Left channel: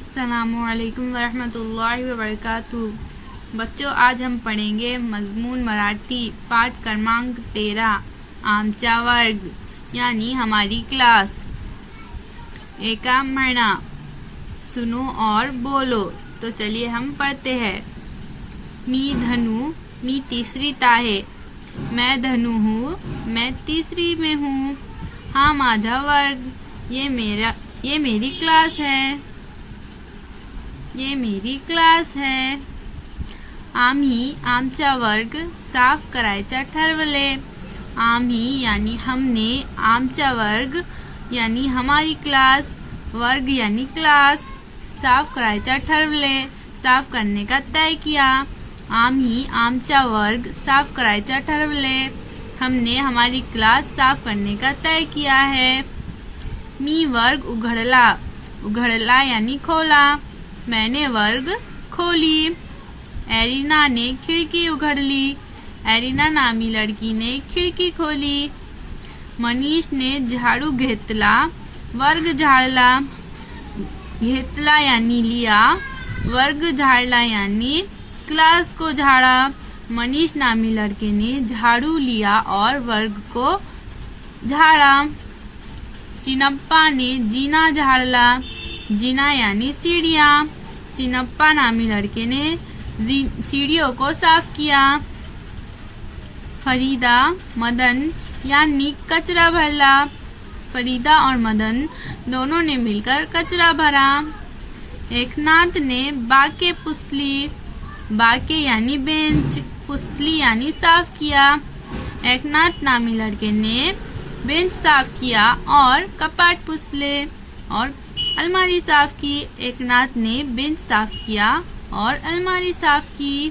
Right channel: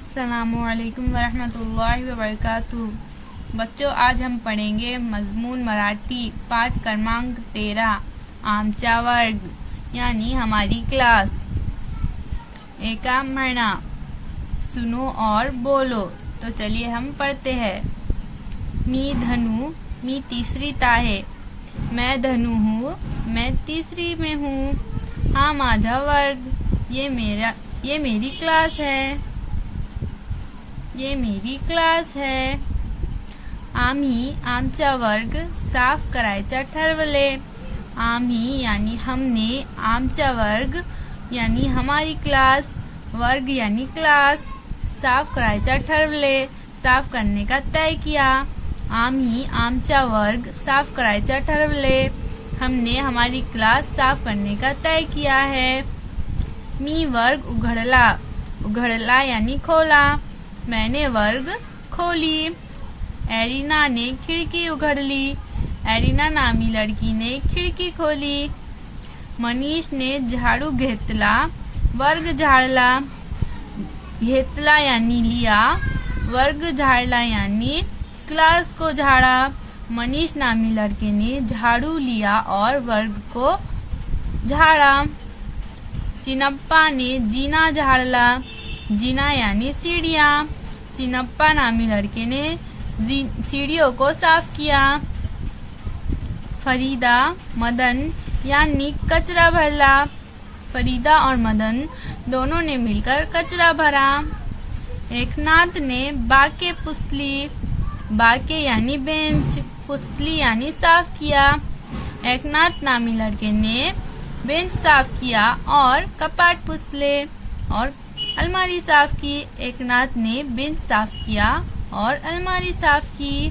अस्सलामुअलैकुम वरहमतुल्लाहि वबरकातुहू। बच्चों, आज हम पढ़ेंगे मजमून मराठी पाठ क्रमांक 13 आमचा वर्ग यानी हमारी क्लास। एका म्हणा, सुनो और बोलो। तो चलिए हम पढ़ते हैं। मी धनु, मी तीसरी ताहे। मैं धनु हूँ, मैं तीसरी में हूँ। हाँ माझा वर्ग, ये मेरी क्लास है। ये मेरी क्लास है। आम्ही आमचा वर्ग साफ करायचा ठरवले। आम्ही यानी हमने, आमचा वर्ग यानी हमारी क्लास, वर्ग यानी क्लास, साफ करायचा ठरवले, साफ करने का तय किया। आम्ही आमचा वर्ग साफ करायचा ठरवले, हमने हमारी क्लास साफ करने का तय किया है। मी वर्ग उघडला, उघडला यानी खोला। मैंने वर्ग खोली। एरिना ने खिड़की उघडली। एरिना नामी लड़की ने खिड़की खोली। मनीष ने झाड़ू घेतला, वर्ग झाड़ला। घेतला यानी लिया, वर्ग झाड़ला यानी क्लास को झाड़ा। मनीष नामी लड़के ने झाड़ू लिया और वर्ग को झाड़ा। चिनप्पा ने जीना झाड़ला। जीना यानी सीढ़ियाँ। चिनप्पा नामी लड़के ने सीढ़ियों को साफ किया। फरीदा, मदन यानी कचरा भरला। फरीदा और मदन दोनों ने मिलकर कचरा भरा। एकनाथ ने बाके पुसली। बाके यानी बेंच, पुसली यानी साफ किया। एकनाथ नामी लड़के ने बेंच साफ किया और कपाट पुसले और अलमारी साफ की। एकनाथ ने बेंच साफ किया और अलमारी साफ की।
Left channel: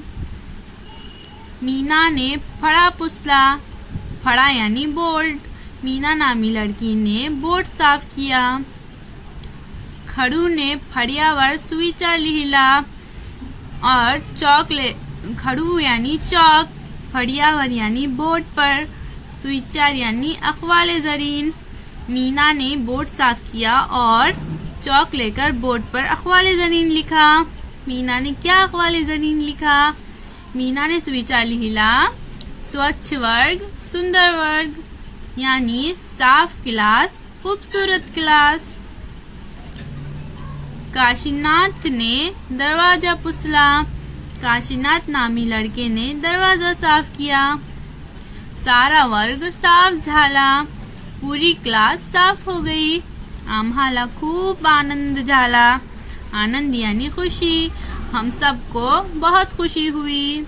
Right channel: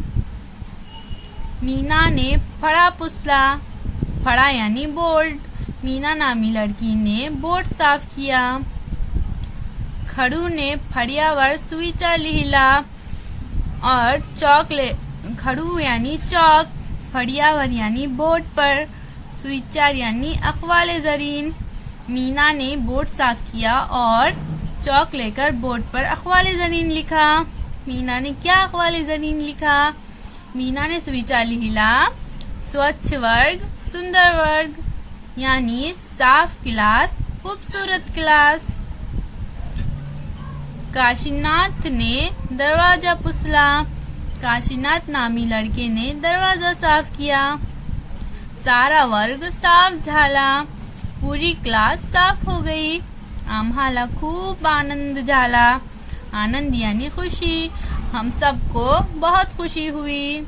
मीना ने फड़ा पुसला। फड़ा यानी बोर्ड। मीना नामी लड़की ने बोर्ड साफ किया। खड़ू ने फड़ियावर सुईचा लिहिला और खड़ू यानी चौक, फड़ियावर यानी बोर्ड पर, सुईचार यानी अखवाले जरीन। मीना ने बोर्ड साफ किया और चौक लेकर बोर्ड पर अखवाले जरीन लिखा। मीना ने क्या अखवाले जरीन लिखा? मीना ने सुविचार लिहिला, स्वच्छ वर्ग सुंदर वर्ग यानी साफ क्लास खूबसूरत क्लास। काशीनाथ ने दरवाजा पुसला। काशीनाथ नामी लड़के ने दरवाजा साफ किया। सारा वर्ग साफ झाला, पूरी क्लास साफ हो गई। आम्हाला खूब आनंद झाला। आनंद यानी खुशी, हम सबको बहुत खुशी हुई।